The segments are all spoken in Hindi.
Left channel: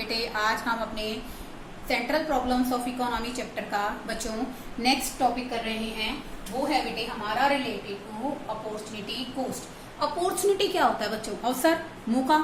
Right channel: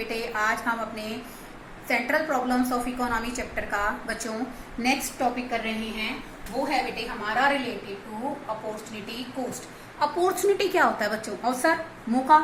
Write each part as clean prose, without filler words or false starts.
बेटे आज हम अपने central problems of economy chapter का बच्चों नेक्स्ट टॉपिक कर रहे हैं। वो है बेटे हमारा related to opportunity cost. Opportunity क्या होता है बच्चों? अवसर, मौका।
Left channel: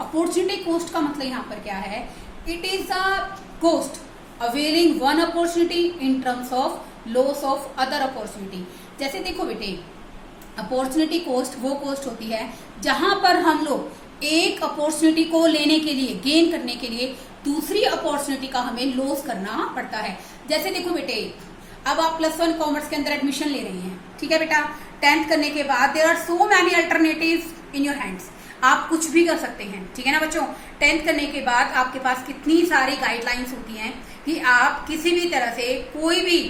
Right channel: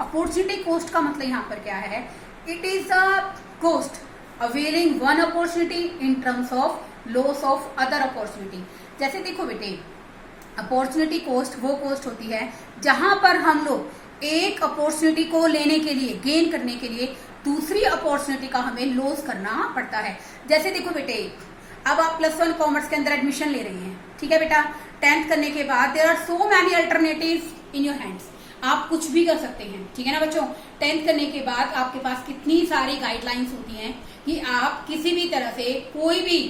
अपॉर्चुनिटी कोस्ट का मतलब यहाँ पर क्या है? It is a cost availing one opportunity in terms of loss of other opportunity. जैसे देखो बेटे, अपॉर्चुनिटी कोस्ट वो कोस्ट होती है जहां पर हम लोग एक अपॉर्चुनिटी को लेने के लिए, गेन करने के लिए दूसरी अपॉर्चुनिटी का हमें लॉस करना पड़ता है। जैसे देखो बेटे, अब आप +1 कॉमर्स के अंदर एडमिशन ले रही हैं, ठीक है बेटा। 10th करने के बाद there are so many alternatives in your hands, आप कुछ भी कर सकते हैं, ठीक है ना बच्चों। 10th करने के बाद आपके पास कितनी सारी गाइडलाइंस होती हैं कि आप किसी भी तरह से कोई भी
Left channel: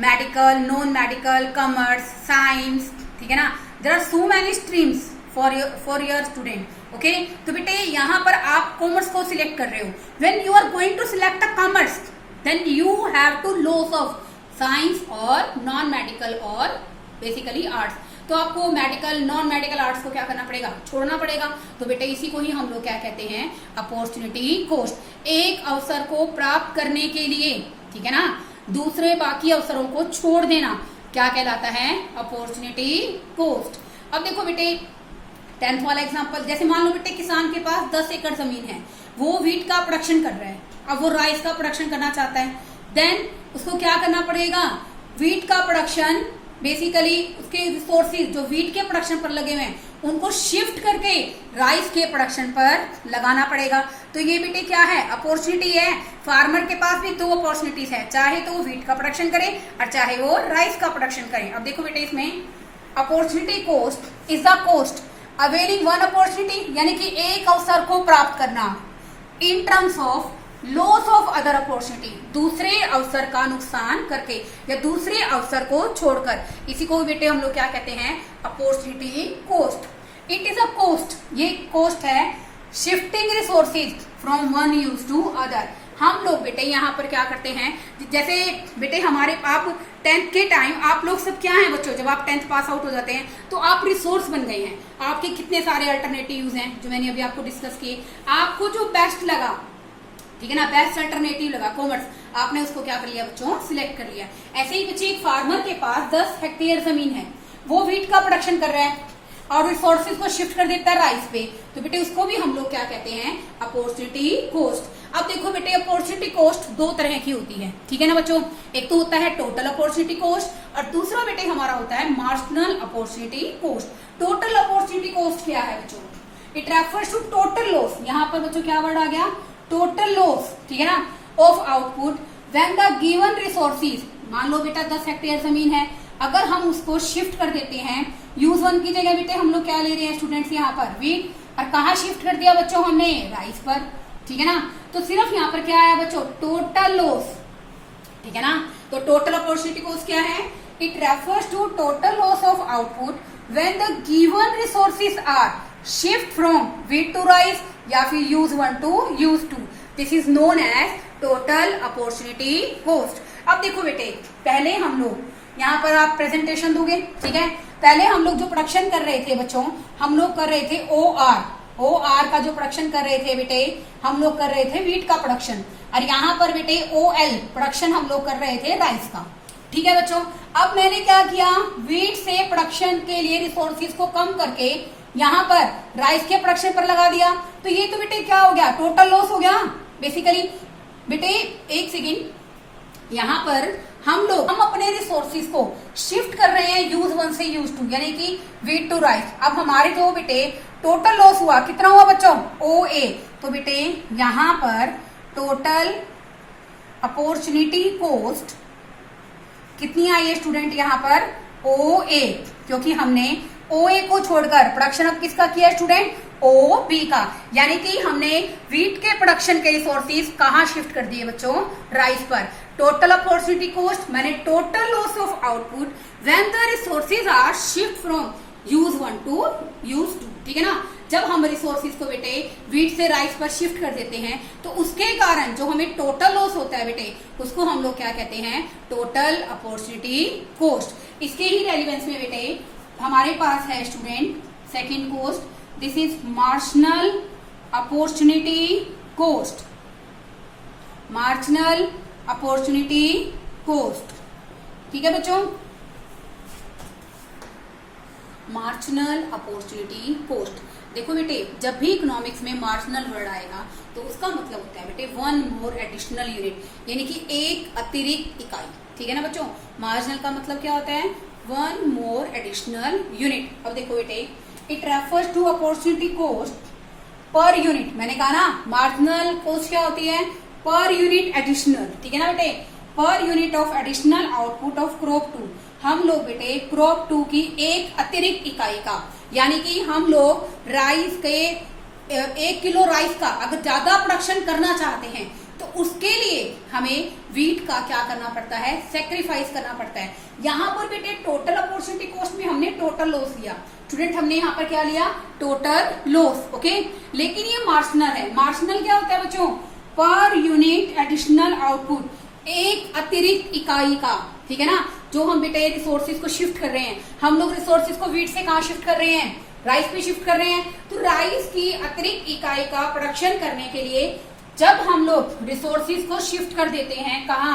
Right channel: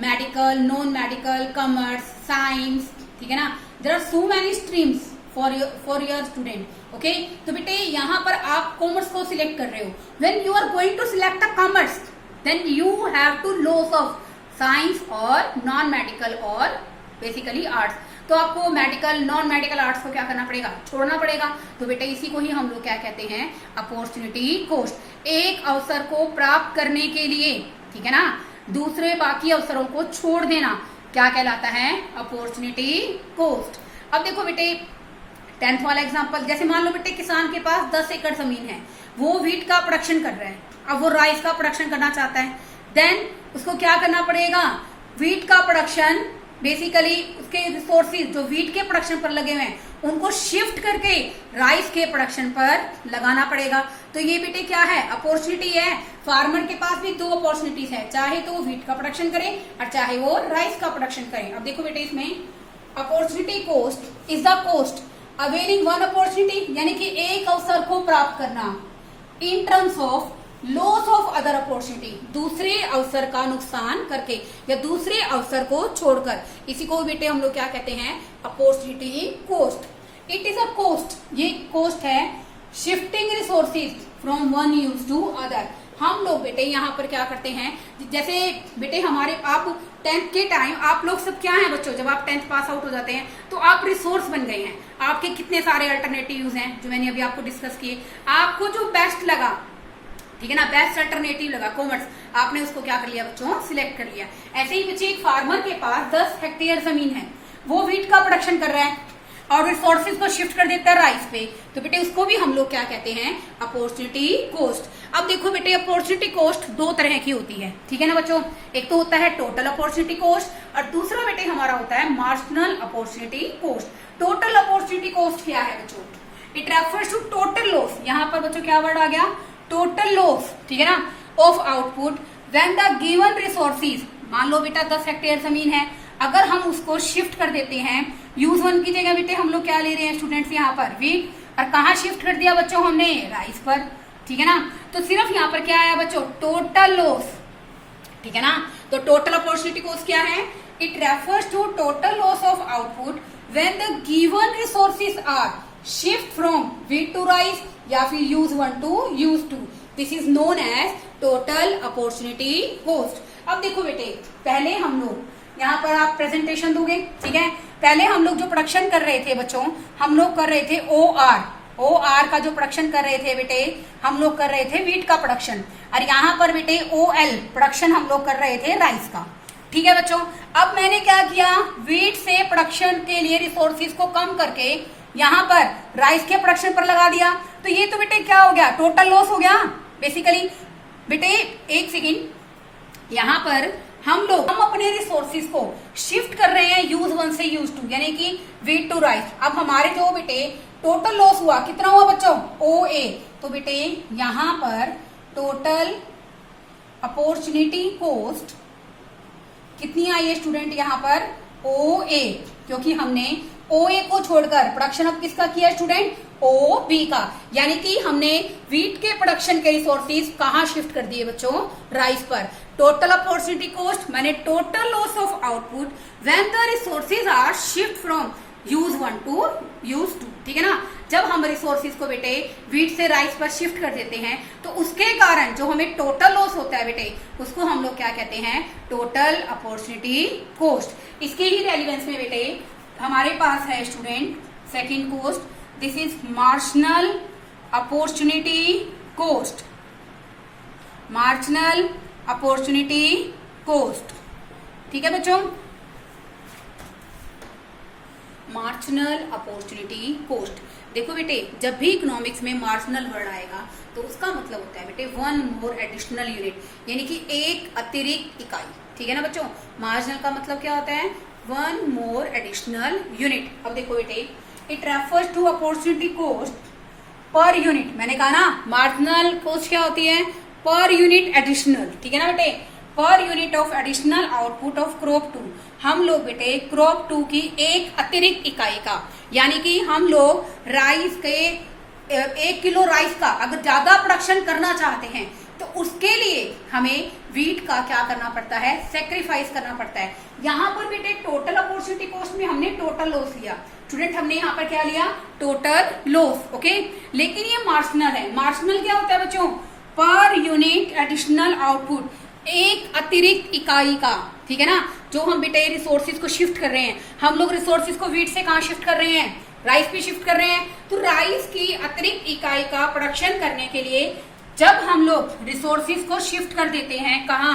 medical, non medical, commerce, science, ठीक है ना, there are so many streams for your student. Okay, तो बेटे यहाँ पर आप कॉमर्स को सिलेक्ट कर रहे हो। When you are going to select a commerce, then you have to loss of science और नॉन मेडिकल और बेसिकली आर्ट्स। तो आपको मेडिकल, नॉन मेडिकल, आर्ट्स को क्या करना पड़ेगा? छोड़ना पड़ेगा। तो बेटे इसी को ही हम लोग क्या कहते हैं? Opportunity cost. एक अवसर को प्राप्त करने के लिए, ठीक है ना, दूसरे बाकी अवसरों को छोड़ देना क्या कहलाता है? Opportunity cost. अब देखो बेटे 10th वाला एग्जांपल, जैसे मान लो बेटे किसान के पास 10 एकड़ जमीन है, वो व्हीट का प्रोडक्शन कर रहा है, अब वो राइस का प्रोडक्शन करना चाहता है। देन उसको क्या करना पड़ेगा? व्हीट का प्रोडक्शन, बेसिकली उसके रिसोर्सेज जो व्हीट के प्रोडक्शन पर लगे हुए हैं उनको शिफ्ट करके राइस के प्रोडक्शन पर लगाना पड़ेगा। तो ये बेटे क्या है? अपॉर्चुनिटी है। फार्मर के पास भी 2 अपॉर्चुनिटीज है, चाहे तो वो व्हीट का प्रोडक्शन करे और चाहे वो राइस का प्रोडक्शन करे। अब देखो बेटे इसमें opportunity cost is the cost availing one opportunity, यानी कि एक अवसर को प्राप्त करना, in terms of loss of other opportunity, दूसरे अवसर का नुकसान करके या दूसरे अवसर को छोड़कर। इसी को बेटे हम लोग क्या कहते हैं? Opportunity cost. It is a cost, ये कोस्ट है shifting resources from one use to other. हम लोग बेटे यहाँ पर क्या करते हैं? जैसे बेटे हमारे, आप 10th के टाइम आप लोग सब क्या हैं बच्चों, जब आप 10th पास आउट हो जाते हैं तो आप रिसोर्स बन गए हैं। आपके कितने सारे अल्टरनेटिव्स हैं जो मैंने अभी आपको डिस्कस किए। आपको जो बेस्ट लगा, ठीक है ना, बेस्ट अल्टरनेटिव लगा कॉमर्स, आपने उसको क्या कर लिया बच्चों? सिलेक्ट कर लिया। ऐसे ही बच्चे एक फार्मर के पास 10 हेक्टेयर जमीन है, वो व्हीट का प्रोडक्शन कर रहा है और रिसोर्सेज को शिफ्ट कर देता है राइस पे, तो बेटे उसको भी हम लोग क्या कहते हैं? Opportunity cost. अब देखो बेटे अपॉर्चुनिटी कोस्ट 2 तरह की होती है, ठीक है ना बच्चों। एक तो होता है टोटल अपॉर्चुनिटी कोस्ट और दूसरा बेटे हमारा होता है marginal opportunity cost. Total opportunity cost क्या है बच्चों? It refers to total loss. यहाँ पर बच्चों क्या वर्ड आ गया? टोटल लॉस, ठीक है ना, of output when the given resources. मान लो बेटा 10 हेक्टेयर जमीन है, अगर हम उसको शिफ्ट कर देते हैं यूज 1 की जगह, बेटे हम लोग क्या ले रहे हैं स्टूडेंट्स यहाँ पर? व्हीट। और कहाँ शिफ्ट कर दिया बच्चों हमने? राइस पर, ठीक है ना। तो सिर्फ यहाँ पर क्या है बच्चों? टोटल लॉस, ठीक है ना। तो टोटल अपॉर्चुनिटी कॉस्ट क्या है? It refers to total loss of output when the given resources are shift from wheat to rice या फिर use 1 to use 2। This is known as total opportunity cost. अब देखो बेटे, पहले हम लोग यहाँ पर आप प्रेजेंटेशन दोगे, ठीक है। पहले हम लोग जो प्रोडक्शन कर रहे थे बच्चों, हम लोग कर रहे थे OR का जो प्रोडक्शन कर रहे थे बेटे, हम लोग कर रहे थे व्हीट का प्रोडक्शन। और यहाँ पर बेटे OL प्रोडक्शन हम लोग कर रहे थे राइस का, ठीक है बच्चों। अब मैंने क्या किया? व्हीट से प्रोडक्शन के लिए रिसोर्सेज को कम करके यहाँ पर राइस के प्रोडक्शन पर लगा दिया। तो ये तो बेटे क्या हो गया? टोटल लॉस हो गया बेसिकली। बेटे एक सेकेंड, यहाँ पर हम अपने रिसोर्सेज को शिफ्ट कर रहे हैं यूज 1 से यूज 2, यानी कि व्हीट टू राइस। अब हमारे जो बेटे टोटल लॉस हुआ, कितना हुआ बच्चों? OA। तो बेटे यहाँ पर टोटल अपॉर्चुनिटी कोस्ट कितनी आई है स्टूडेंट? यहाँ पर OA, क्योंकि हमने OA को छोड़कर प्रोडक्शन अब किसका किया स्टूडेंट? OB का, यानी कि हमने व्हीट के प्रोडक्शन के रिसोर्सेज कहाँ शिफ्ट कर दिए बच्चों? राइस पर। टोटल अपॉर्चुनिटी कॉस्ट मैंने total loss of output when the resources are shift from use 1 to use 2, ठीक है ना। जब हम रिसोर्सेज को बेटे व्हीट से राइस पर शिफ्ट कर देते हैं तो उसके कारण जो हमें टोटल लॉस होता है बेटे, उसको हम लोग क्या कहते हैं? Total opportunity cost. इसके ही रेलिवेंस में बेटे हमारे पास है student second cost, this is marginal opportunity cost. Marginal opportunity cost. ठीक है बच्चों, मार्जिनल अपॉर्चुनिटी कॉस्ट। देखो बेटे, जब भी इकोनॉमिक्स में मार्जिनल वर्ड आएगा तो उसका मतलब होता है बेटे वन मोर एडिशनल यूनिट, यानी कि एक अतिरिक्त इकाई। ठीक है ना बच्चों, मार्जिनल का मतलब क्या होता है, वन मोर एडिशनल यूनिट। अब देखो बेटे, it refers to opportunity cost per unit. मैंने कहा ना मार्जिनल कॉस्ट क्या होती है, पर यूनिट एडिशनल। ठीक है ना बेटे, per unit of additional output of crop 2। हम लोग बेटे क्रॉप 2 की एक अतिरिक्त इकाई का, यानी कि हम लोग राइस के 1 किलो राइस का अगर ज्यादा प्रोडक्शन करना चाहते हैं तो उसके लिए हमें वीट का क्या करना पड़ता है, सेक्रीफाइस करना पड़ता है। यहाँ पर बेटे टोटल अपॉर्चुनिटी कॉस्ट में हमने टोटल लॉस लिया। स्टूडेंट, हमने यहाँ पर क्या लिया, टोटल लॉस। ओके, लेकिन ये मार्जिनल है। मार्जिनल क्या होता है बच्चों, पर यूनिट एडिशनल आउटपुट, एक अतिरिक्त इकाई का। ठीक है ना, जो हम बेटे रिसोर्सेज को शिफ्ट कर रहे हैं, हम लोग रिसोर्सेज को वीट से कहाँ शिफ्ट कर रहे हैं, राइस पे शिफ्ट कर रहे हैं। तो राइस की अतिरिक्त इकाई का प्रोडक्शन करने के लिए जब हम लोग रिसोर्सेज को शिफ्ट कर देते हैं कहाँ,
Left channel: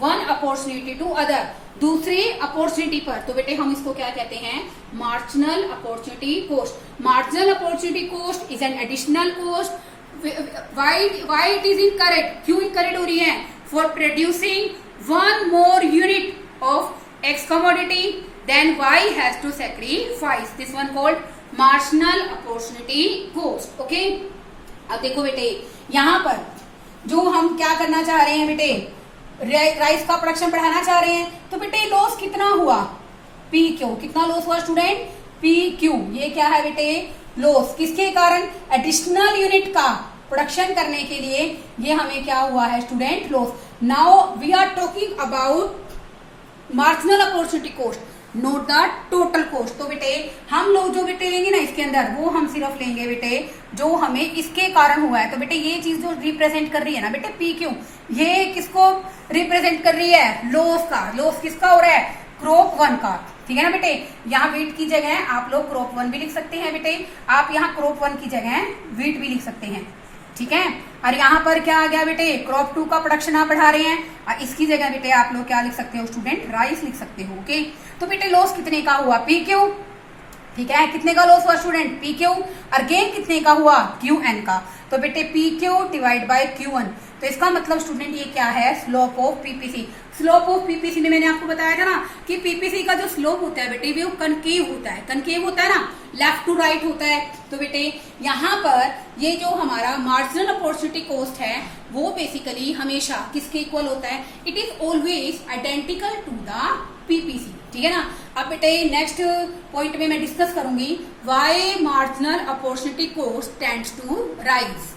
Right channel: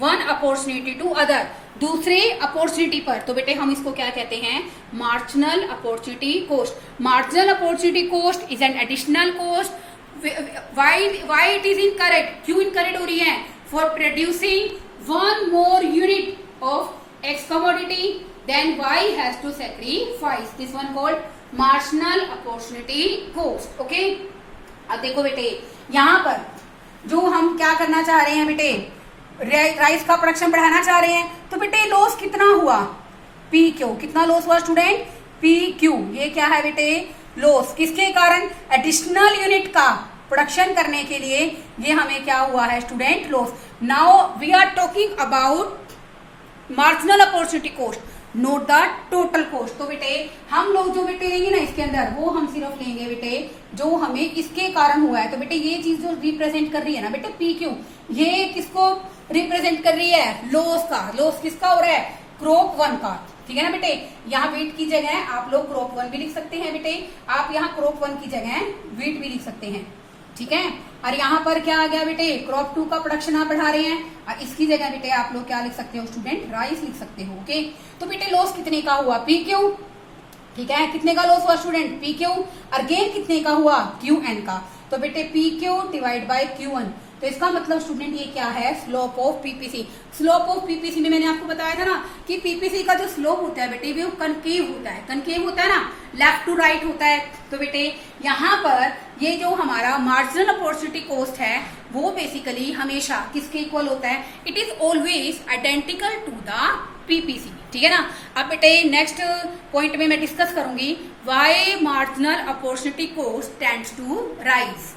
वन अपॉर्चुनिटी टू अदर, दूसरे अपॉर्चुनिटी पर, तो बेटे हम इसको क्या कहते हैं, marginal opportunity cost. Marginal opportunity cost is an additional cost. Why it is incorrect, क्यों इनकरेक्ट हो रही है, for producing one more unit of X commodity, then Y has to sacrifice this one called marginal opportunity cost. Okay? अब देखो बेटे, यहाँ पर जो हम क्या करना चाह रहे हैं बेटे, राइस का प्रोडक्शन बढ़ाना चाह रहे हैं, तो बेटे लॉस कितना हुआ, पी क्यू। कितना लॉस हुआ स्टूडेंट, पी क्यू। ये क्या है बेटे, लॉस। किसके कारण, एडिशनल यूनिट का प्रोडक्शन करने के लिए ये हमें क्या हुआ है student, loss. Now we are talking about marginal opportunity cost, not the total cost. तो बेटे हम लोग जो बेटे लेंगे ना इसके अंदर, वो हम सिर्फ लेंगे बेटे जो हमें इसके कारण हुआ है। तो बेटे ये चीज जो रिप्रेजेंट कर रही है ना बेटे पी क्यू, ये किसको रिप्रेजेंट कर रही है, लॉस का। लॉस किसका हो रहा है, क्रॉप 1 का। ठीक है ना बेटे, यहाँ वीट की जगह आप लोग क्रॉप 1 भी लिख सकते हैं बेटे, आप यहाँ क्रॉप 1 की जगह वीट भी लिख सकते हैं। ठीक है, और यहाँ पर क्या आ गया बेटे, क्रॉप 2 का प्रोडक्शन आप बढ़ा रहे हैं, और इसकी जगह बेटे आप लोग क्या लिख सकते हो स्टूडेंट, राइस लिख सकते हो। ओके, तो बेटे लॉस कितने का हुआ, पी क्यू। ठीक है, कितने का लॉस हुआ स्टूडेंट, पी क्यू, और गेन कितने का हुआ, क्यू एन का। तो बेटे P Q divide by Q N, तो इसका मतलब स्टूडेंट ये क्या है, slope of PPC. Slope of PPC में मैंने आपको बताया था ना कि पीपीसी का जो स्लोप होता है बेटे वो कनकेव होता है। कनकेव होता है ना, लेफ्ट टू राइट होता है। तो बेटे यहाँ पर ये जो हमारा मार्जिनल अपॉर्चुनिटी कॉस्ट है वो बेसिकली हमेशा किसके इक्वल होता है, it is always identical to the PPC. ठीक है ना। अब बेटे नेक्स्ट पॉइंट में मैं डिस्कस करूंगी why marginal opportunity cost tends to rise,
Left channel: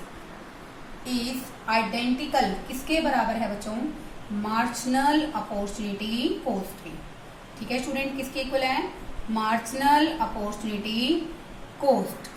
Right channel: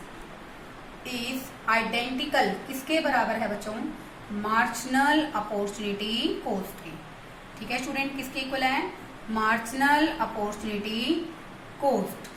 is identical, किसके बराबर है बच्चों, मार्जिनल अपॉर्चुनिटी कॉस्ट के। ठीक है स्टूडेंट, किसके इक्वल है, मार्जिनल अपॉर्चुनिटी कॉस्ट।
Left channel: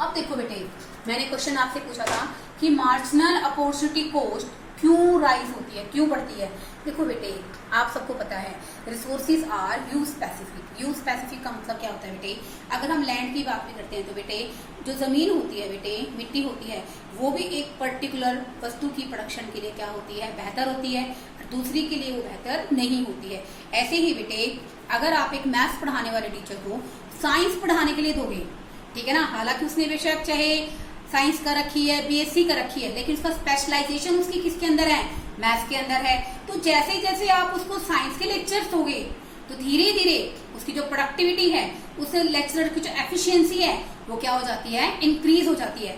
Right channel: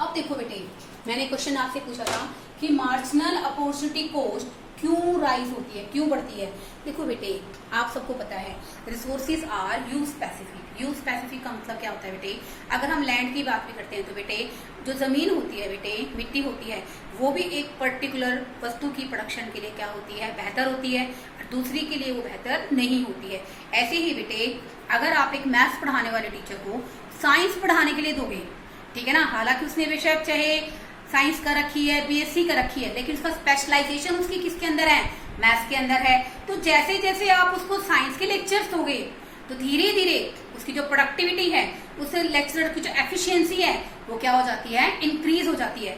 अब देखो बेटे, मैंने क्वेश्चन आपसे पूछा था कि मार्जिनल अपॉर्चुनिटी कॉस्ट क्यों राइज होती है, क्यों बढ़ती है। देखो बेटे आप सबको पता है resources are use specific. Use specific का मतलब क्या होता है बेटे, अगर हम लैंड की बात भी करते हैं तो बेटे जो जमीन होती है बेटे, मिट्टी होती है, वो भी एक पर्टिकुलर वस्तु की प्रोडक्शन के लिए क्या होती है, बेहतर होती है, और दूसरी के लिए वो बेहतर नहीं होती है। ऐसे ही बेटे अगर आप एक मैथ्स पढ़ाने वाले टीचर को साइंस पढ़ाने के लिए दोगे, ठीक है ना, हालांकि उसने बेशक चाहे साइंस का रखी है, बीएससी का रखी है, लेकिन उसका स्पेशलाइजेशन उसकी किसके अंदर है, मैथ्स के अंदर है। तो जैसे जैसे आप उसको साइंस के लेक्चर्स दोगे तो धीरे धीरे उसकी जो प्रोडक्टिविटी है, उस लेक्चरर की जो एफिशिएंसी है वो क्या हो जाती है, इंक्रीज हो जाती है।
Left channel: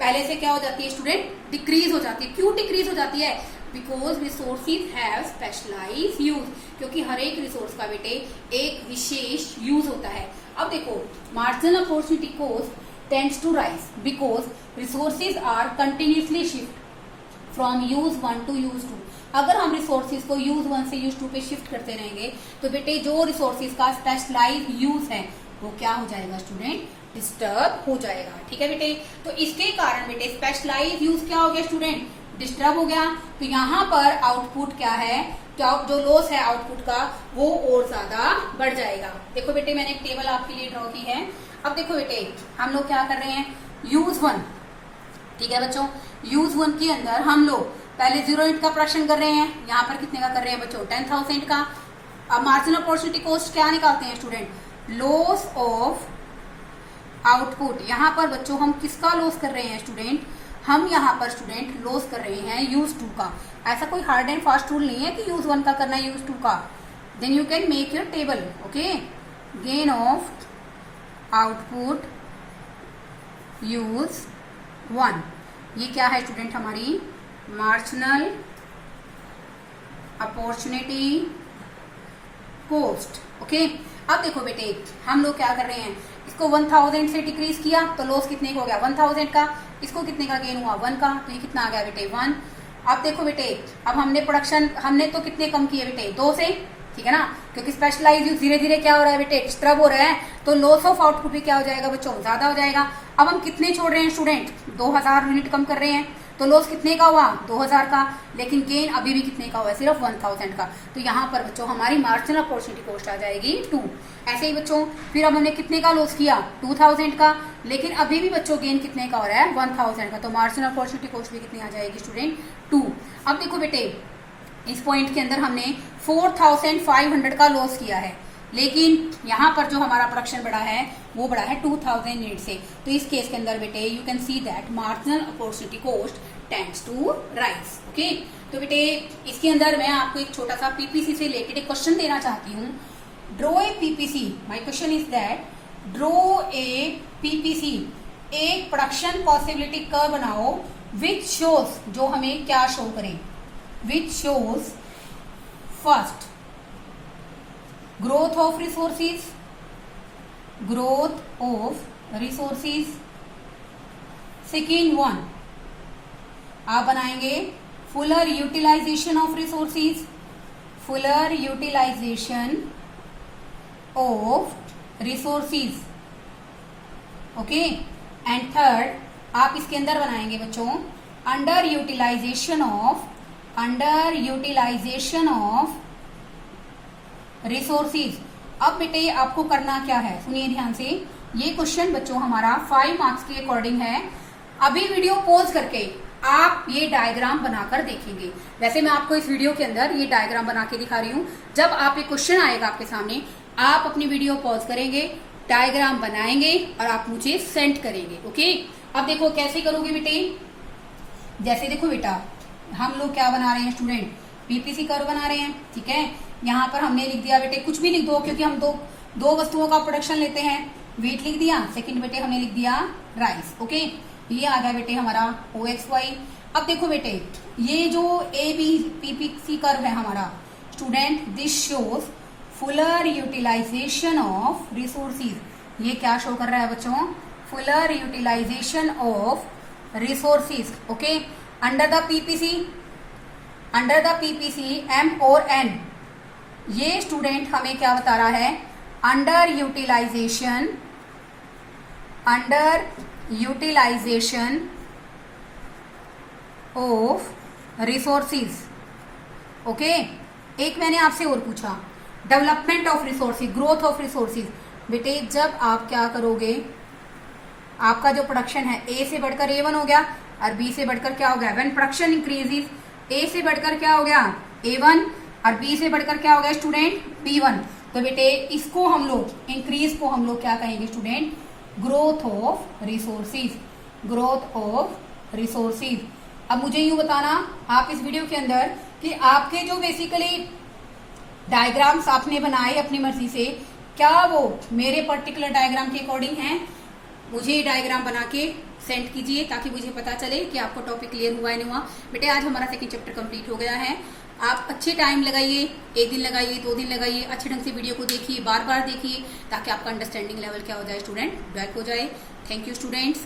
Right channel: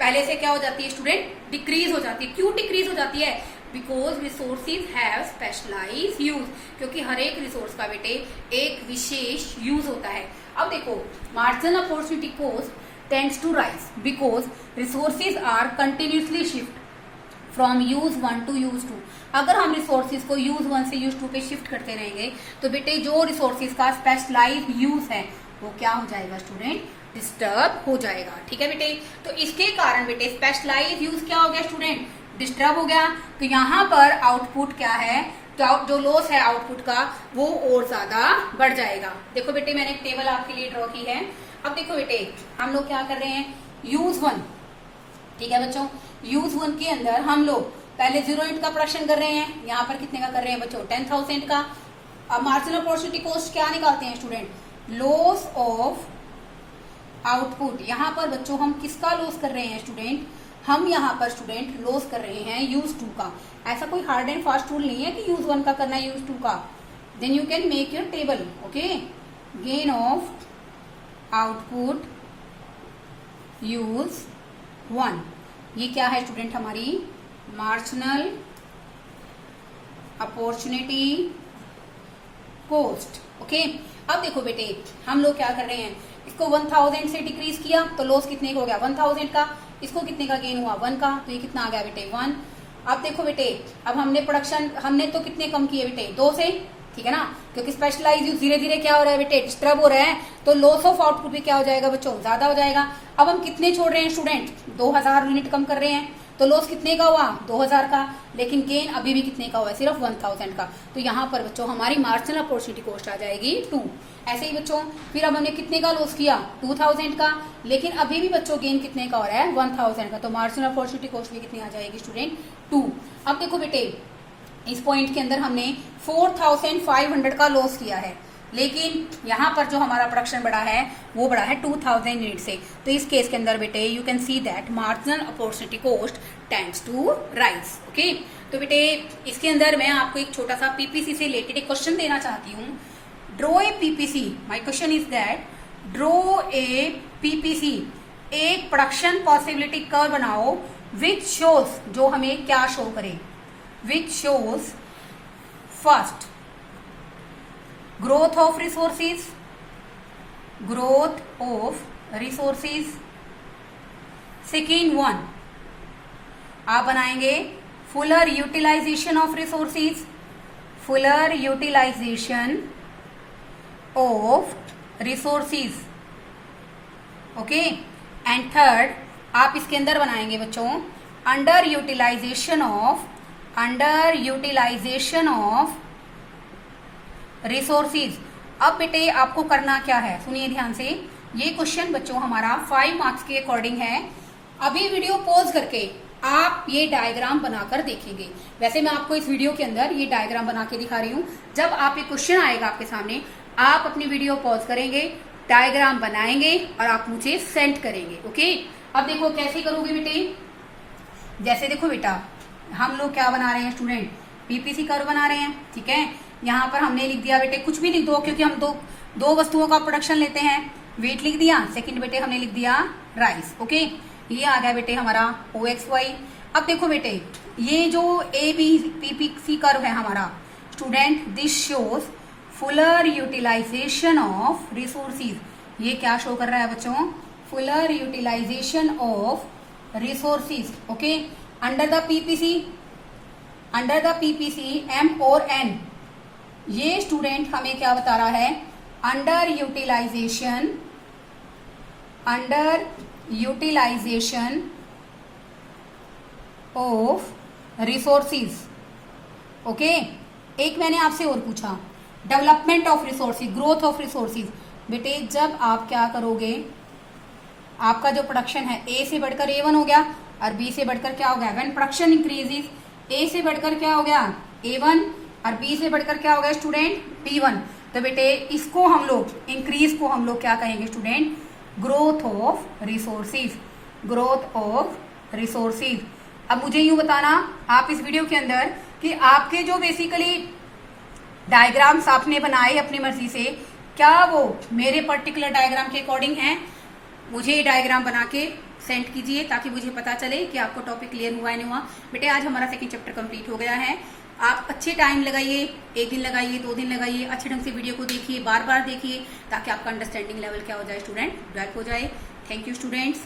पहले से क्या हो जाती है स्टूडेंट, डिक्रीज हो जाती है। क्यों डिक्रीज हो जाती है, because resources have specialise use, क्योंकि हर एक रिसोर्स का बेटे एक विशेष यूज होता है। अब देखो marginal opportunity cost tends to rise because resources are continuously shift from use 1 to use 2। अगर हम रिसोर्सेज को यूज 1 से यूज 2 पे शिफ्ट करते रहेंगे तो बेटे जो रिसोर्सेज का स्पेशलाइज यूज है वो क्या हो जाएगा स्टूडेंट, डिस्टर्ब हो जाएगा। ठीक है बेटे, तो इसके कारण बेटे स्पेशलाइज यूज क्या हो गया स्टूडेंट, डिस्टर्ब हो गया। तो यहाँ पर आउटपुट क्या है, तो जो लॉस है आउटपुट का वो और ज्यादा बढ़ जाएगा। देखो बेटे मैंने एक टेबल आपके लिए ड्रॉ की है। अब देखो बेटे हम लोग क्या कर रहे हैं, यूज 1, ठीक है बच्चों, यूज 1 के अंदर हम लोग पहले 0 यूनिट का प्रोडक्शन कर रहे हैं। यहाँ पर कितने का कर रहे हैं बच्चों, 10,000 का। अब मार्जिनल अपॉर्चुनिटी कॉस्ट क्या निकालते हैं स्टूडेंट, लॉस ऑफ आउटपुट। यहाँ पर बच्चों हम किसका लॉस कर रहे हैं स्टूडेंट, हम यहाँ पर स्टूडेंट लॉस कर रहे हैं यूज 2 का। ऐसा कोई हार्ड एंड फास्ट रूल नहीं है कि यूज 1 का करना है यूज 2 का। Then you can make your table. Okay, gain of output use 1, ये क्या है स्टूडेंट, हमारी मार्जिनल अपॉर्चुनिटी कॉस्ट। ओके, अब देखो बेटे हम लोग क्या कर रहे हैं, इसको 1000 से डिक्रीज किया तो लॉस कितने का हो गया 1000 का, इसको कितने का गेन हुआ 1 का, तो ये कितना आ गया बेटे 1। अब देखो बेटे, अब हमने प्रोडक्शन हमने तो कितने कम किए बेटे 2 से, ठीक है ना, क्योंकि स्पेशलाइज यूज धीरे धीरे क्या हो रहा है बेटे, डिस्टर्ब हो रहा है, तो लॉस ऑफ आउटपुट भी क्या हो जाएगा बच्चों, ज्यादा हो जाएगा। अब हम कितने छोड़ रहे हैं स्टूडेंट, 2000 यूनिट कम कर रहे हैं, तो लॉस कितने का हुआ 2000 का, लेकिन गेन अभी भी कितने का हुआ, सिर्फ 1000 का। तो यहाँ पर बच्चों हमारी मार्जिनल अपॉर्चुनिटी कॉस्ट आ जाएगी 2। ऐसे ही बच्चों फिर अब हमने कितने का लॉस किया 2000 का, लेकिन अभी भी बच्चों गेन कितने का हो रहा है 1000 का, तो मार्जिनल अपॉर्चुनिटी कॉस्ट भी कितनी आ जाएगी स्टूडेंट 2। अब देखो बेटे इस पॉइंट के अंदर हमने 4500 का लॉस किया है, लेकिन यहाँ पर जो हमारा प्रोडक्शन बढ़ा है वो बढ़ा है 2000 यूनिट से। तो इस केस के अंदर बेटे you can see that marginal opportunity cost tends to rise. Okay, तो बेटे इसके अंदर मैं आपको एक छोटा सा पीपीसी से रिलेटेड एक क्वेश्चन देना चाहती हूँ। Draw a PPC, my question is that draw a PPC, एक प्रोडक्शन पॉसिबिलिटी कर्व बनाओ विच शोज, जो हमें क्या शो करे, which shows first growth of resources, growth of resources, second one आप बनाएंगे fuller utilization of resources, fuller utilization of resources, okay, and third आप इसके अंदर बनाएंगे बच्चों under utilization of रिसोर्सेज। अब बेटे आपको करना क्या है, सुनिए ध्यान से, ये क्वेश्चन बच्चों हमारा 5 मार्क्स के अकॉर्डिंग है। अभी वीडियो पॉज करके आप ये डायग्राम बनाकर देखेंगे। वैसे मैं आपको इस वीडियो के अंदर ये डायग्राम बना के दिखा रही हूँ। जब आप एक क्वेश्चन आएगा आपके सामने, आप अपनी वीडियो पॉज करेंगे, डायग्राम बनाएंगे और आप मुझे सेंड करेंगे। ओके, अब देखो कैसे करोगे बेटे, जैसे देखो बेटा हम लोग क्या बना रहे हैं स्टूडेंट, पीपीसी कर्व बना रहे हैं, ठीक है। यहाँ पर हमने लिख दिया बेटे, कुछ भी लिख दो क्योंकि हम दो वस्तुओं का प्रोडक्शन लेते हैं। वेट लिख दिया, सेकंड बेटे हमने लिख दिया राइस। ओके, ये आ गया बेटे हमारा OXY। अब देखो बेटे ये जो पीपीसी कर्व है हमारा student, this shows fuller utilisation of resources. ये क्या शो कर रहा है बच्चों, fuller utilisation of resources. Okay, under the PPC M और N, ये स्टूडेंट हमें क्या बता रहा है, under utilisation of resources. Okay, एक मैंने आपसे और पूछा, development of resources, growth of resources. बेटे जब आप क्या करोगे, आपका जो प्रोडक्शन है A से बढ़कर A1 हो गया और B से बढ़कर क्या हो गया, व्हेन प्रोडक्शन इंक्रीजेस, A से बढ़कर क्या हो गया A1 और B से बढ़कर क्या हो गया स्टूडेंट B1। तो बेटे इसको हम लोग इंक्रीज को हम लोग क्या कहेंगे student, growth of resources, growth of resources. अब मुझे यूं बताना आप इस वीडियो के अंदर कि आपके जो बेसिकली डायग्राम्स आपने बनाए अपनी मर्जी से, क्या वो मेरे पर्टिकुलर डायग्राम के अकॉर्डिंग हैं। मुझे ये डायग्राम बना के सेंड कीजिए ताकि मुझे पता चले कि आपको टॉपिक क्लियर हुआ है नहीं हुआ। बेटे आज हमारा सेकंड चैप्टर कंप्लीट हो गया है। आप अच्छे टाइम लगाइए, 1 दिन लगाइए, 2 दिन लगाइए, अच्छे ढंग से वीडियो को देखिए, बार बार देखिए, ताकि आपका अंडरस्टैंडिंग लेवल क्या हो जाए स्टूडेंट, डेवलप हो जाए। Thank you students.